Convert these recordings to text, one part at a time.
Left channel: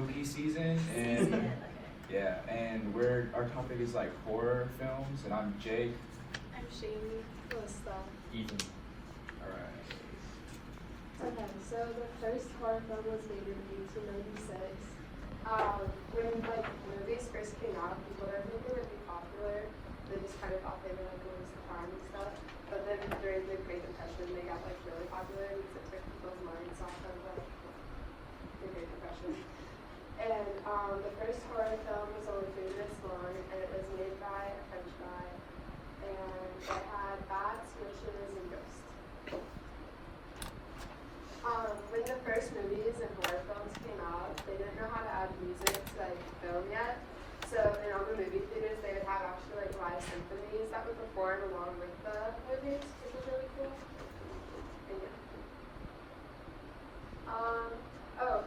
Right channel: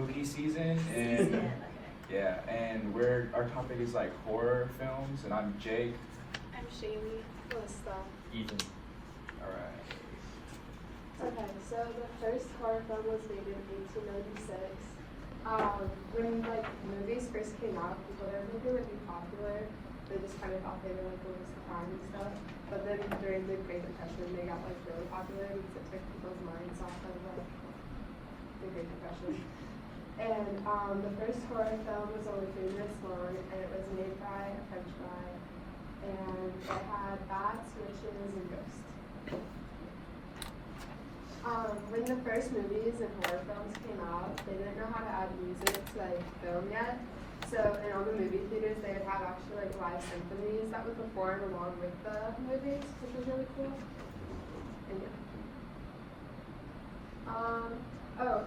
spooky season, and yeah, and our topic is like horror films, and I'm Jake. I'm Shaylee. Melissa. Ethan. All right. Okay, so the first horror film was made in 1896. When like movies first came out, people didn't think they would be popular. They just kind of thought they would like waste the time and stuff. But then during the Great Depression, they got like really popular because it took people's minds off of like the Great Depression. And the first horror film was only 3 minutes long, and it was made by a French guy. And it had bats, witches, and ghosts. When the first movies and horror films came out, they didn't know how to add music to like film yet. So in all the movie theaters, they would have actually like live symphonies that would perform along with the movies, which was really cool. And yeah.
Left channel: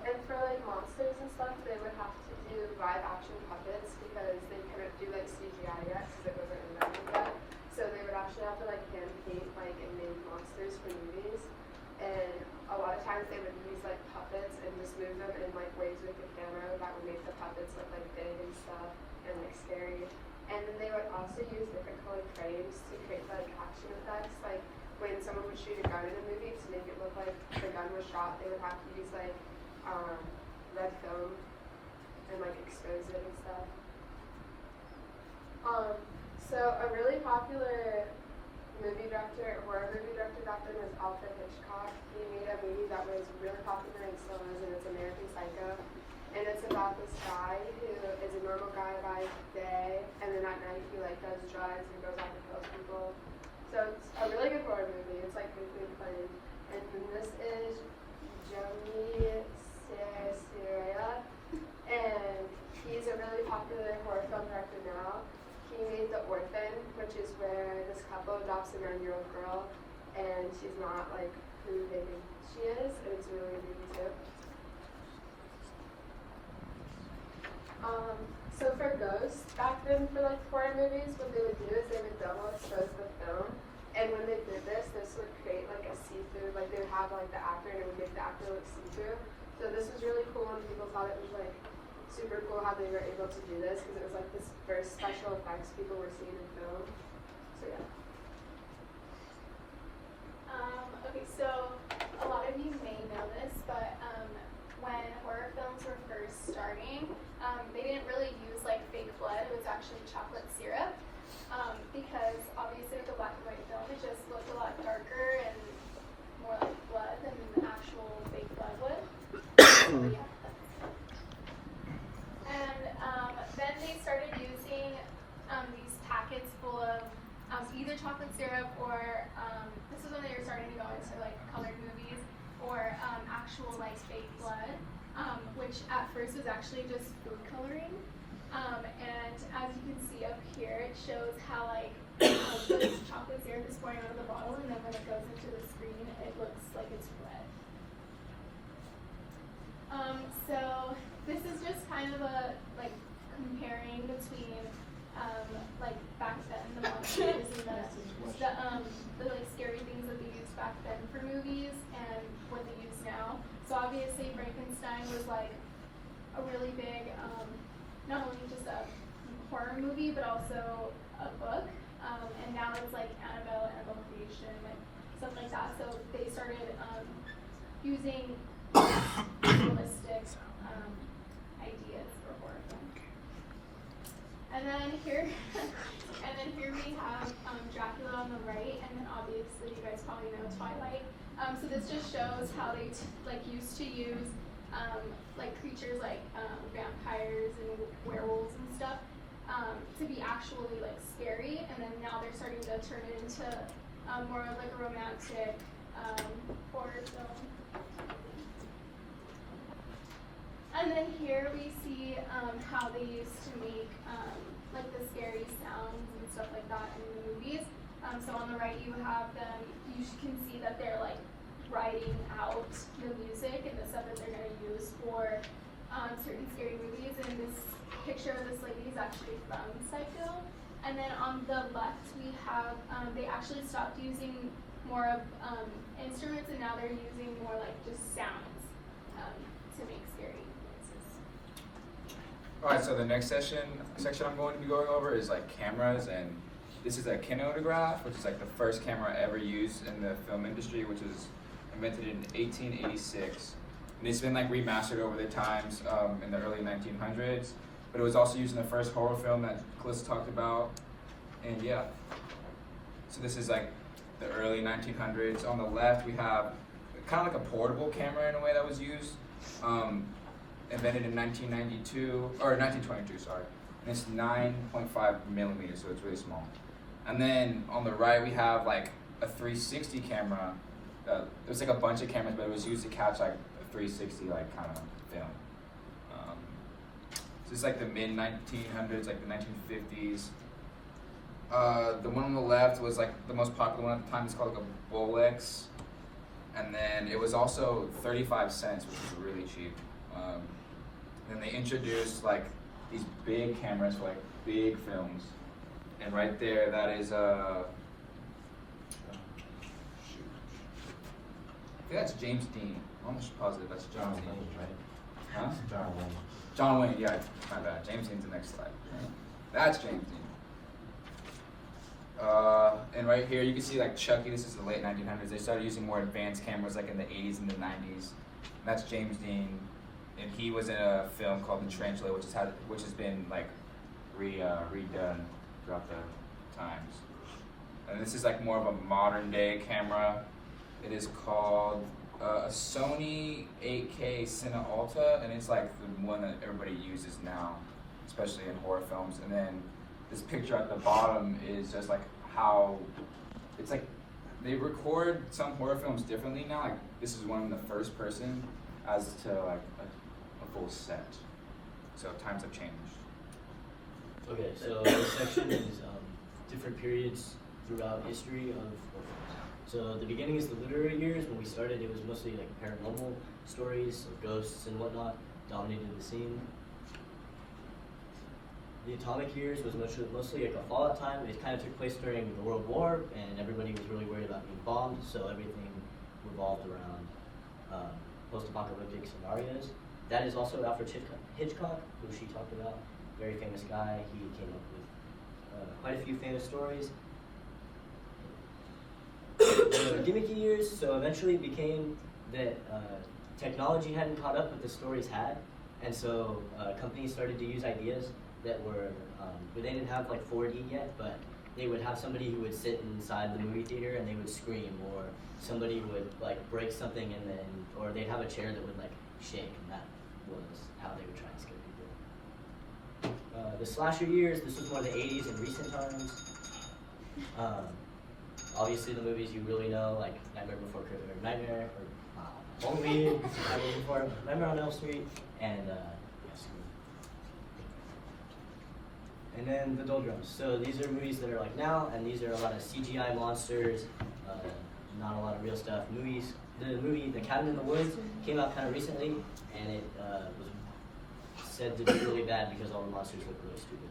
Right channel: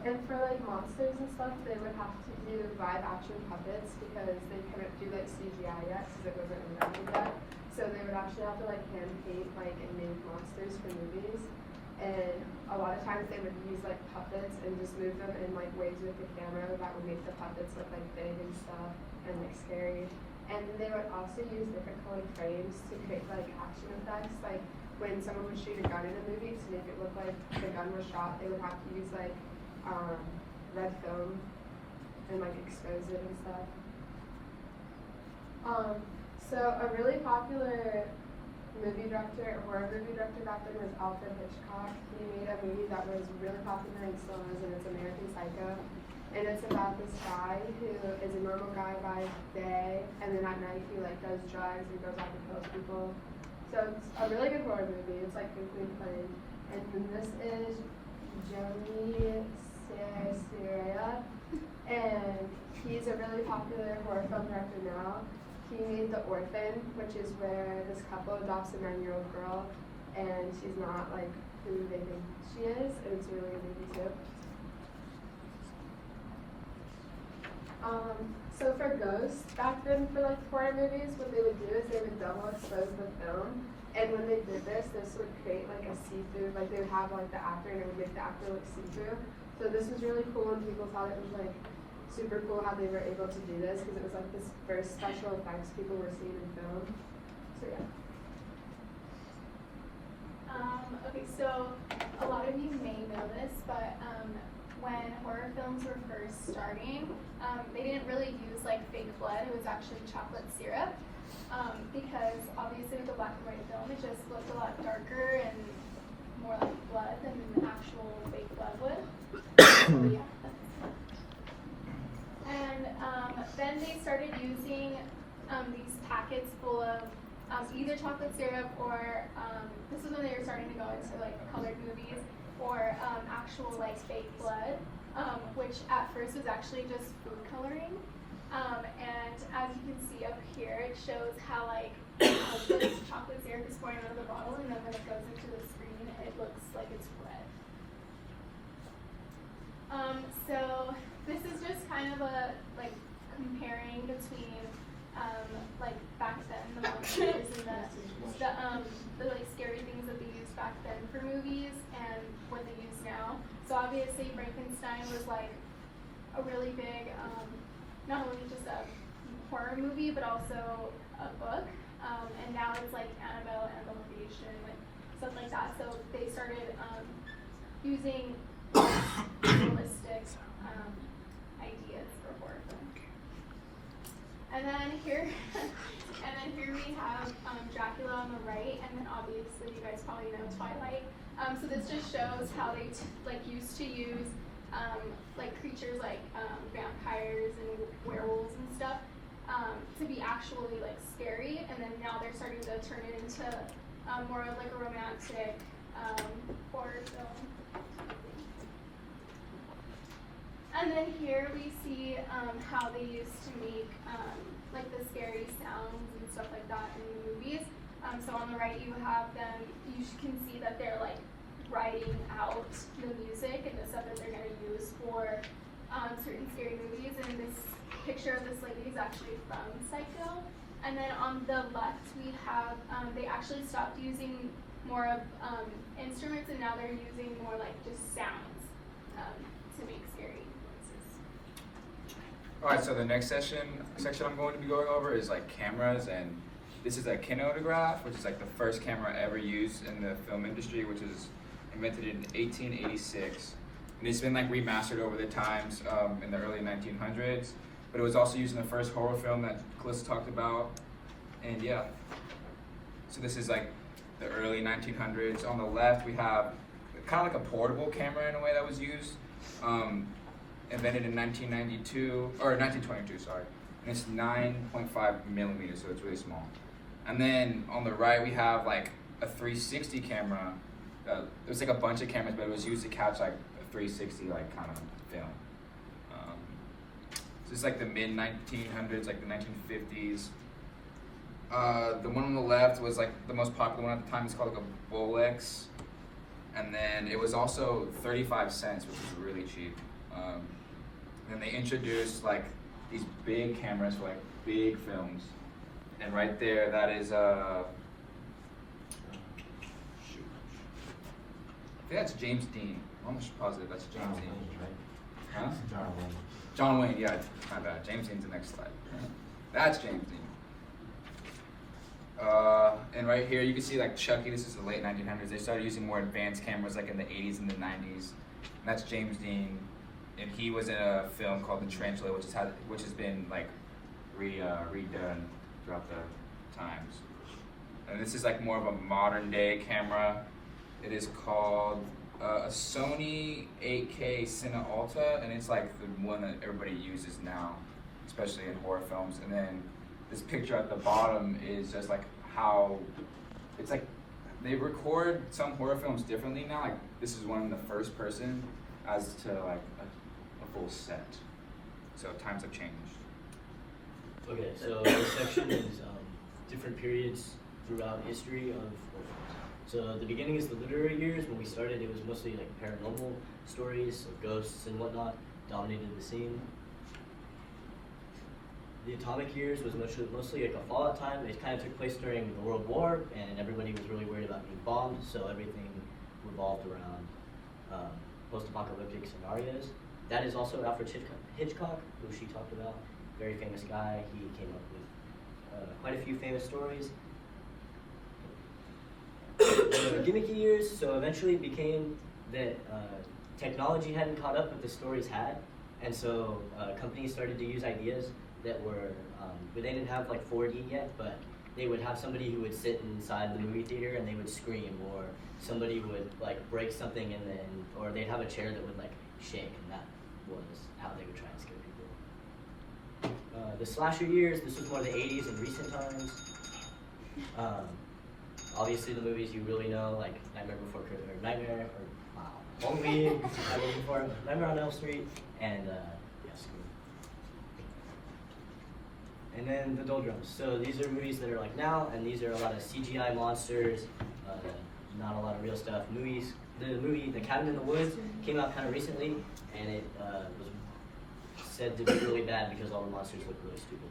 And for like monsters and stuff, they would have to do live action puppets because they couldn't do like CGI yet because it wasn't invented yet. So they would actually have to like hand paint like and make monsters for movies. And a lot of times they would use like puppets and just move them in like ways with the camera that would make the puppets look like big and stuff and like scary. And they would also use different colored frames to create like action effects. Like when someone would shoot a gun in a movie to make it look like the gun was shot, they would have to use like red film and like expose it and stuff. So a really popular horror movie director back then was Alfred Hitchcock. He made a movie that was really popular and still is, and it's American Psycho. And it's about this guy who is a normal guy by day, and then at night he like does drugs and goes out and kills people. So it's a really good horror movie. It's like infinitely funny. And then this is Joey Sierra, and he's a really popular horror film director now. He made The Orphan, which is where this couple adopts a 9-year-old girl, and she's not like who they think she is, and it's a really good movie too. So for ghosts, back then for like horror movies, what they would do is they would double expose the film, and when they did this would create like a see-through, like they would have like the actor and it would make the actor look see-through. So this was really cool, and people thought it was like super cool how they were able to do this because it was like this first special effects people were seeing in film. So yeah. Okay, so a lot of you may know this, but when horror films were first starting, they didn't really use like fake blood. It was actually chocolate syrup because obviously with the black and white film, it just looked a lot darker and more like blood than the actual fake blood would. So yeah. And then they started using these packets full of either chocolate syrup or this is when they were starting to go into like colored movies or actual like fake blood, which at first was actually just food coloring. And as you can see up here, it shows how like this chocolate syrup is pouring out of the bottle, and then when it goes into the screen, it looks like it's red. So this is just kind of a like comparing between like back then the monsters and the like scary things that they used back then for movies and what they use now. So obviously Frankenstein was like a really big not only just a horror movie but also a book. And now it's like Annabelle Creation, like stuff like that. So they started using realistic ideas for horror film. And then here we have Dracula on the right, and then obviously you guys probably know Twilight. So this just shows how they used to use like creatures like vampires and werewolves and stuff to be actually like scary, and then now they're starting to turn it into more of like a romantic horror film. And then here we see how they used to make like the scary sounds and stuff like that in the movies. So on the right you have them, you can see that they're like writing out the music and the stuff that they're going to use for certain scary movies. And this picture of this lady is actually from Psycho. And then on the left we have, they actually stopped using more of instruments, and now they're using more like just sounds to make scary noises. Alright, so the next section I'm going to be going over is like cameras, and this is a kinetograph, which is like the first camera ever used in the film industry, which was invented in 1886. And it's been like remastered over the times in the early 1900s, but it was also used in the first horror film that Calista talked about. And yeah, so this is like the early 1900s. On the left, we have kind of like a portable camera in a way that was used. Invented in 1922, sorry. And it's 9.5 millimeters, so it's really small. And then on the right, we have like a 360 camera. It was like a bunch of cameras, but it was used to catch like a 360 like kind of film. So it's like the mid 1900s, like the 1950s. The one on the left was like the most popular one at the time. It's called like a Bolex. And then it was also 35 cents, which is really cheap. Then they introduced like these big cameras for like big films. And right there, that is I think that's James Dean. I'm almost positive that's James Dean. Huh? John Wayne. John Wayne, yeah, my bad. James Dean's the next slide. That's James Dean. And right here, you can see like Chucky. This is the late 1900s. They started using more advanced cameras like in the 80s and the 90s. And that's James Dean, and he was in a film called The Tarantula, which has been like redone throughout the times. And this is like more of a modern day camera. It is called a Sony 8K Cine Alta, and it's like the one that everybody uses now, especially in horror films. And then this picture at the bottom is just like how it's like they record some horror films differently now. Like this is one in the first person as to like a full set. So times have changed. Okay, so this section is different periods throughout history of horror films. So the beginning is the literary years. When we started, it was mostly like paranormal stories of ghosts and whatnot dominated the scene. The atomic years was mostly like a fallout time. It kind of took place during the World War, and everybody was really worried about being bombed, so everything revolved around post-apocalyptic scenarios. That is also Alfred Hitchcock, who she talked about. Very famous guy. He came up with quite a few famous stories. The gimmicky years, so eventually it became that technology hadn't caught up with the stories had, and so companies started to use ideas that were, but they didn't have like 4D yet, but they would have somebody who would sit inside the movie theater and they would scream, or somebody would like break something and then, or they'd have a chair that would like shake, and that was how they would try and scare people. The slasher years, this was more the 80s and recent times. Obviously the movies you really know, like Nightmare Before Christmas, or Nightmare, or Halloween, Nightmare on Elm Street, and and then the doldrums. So these are movies that are like now, and these are a lot of CGI monsters, not a lot of real stuff. The movie The Cabin in the Woods came out kind of recently, and it was said to be really bad because all the monsters look really stupid.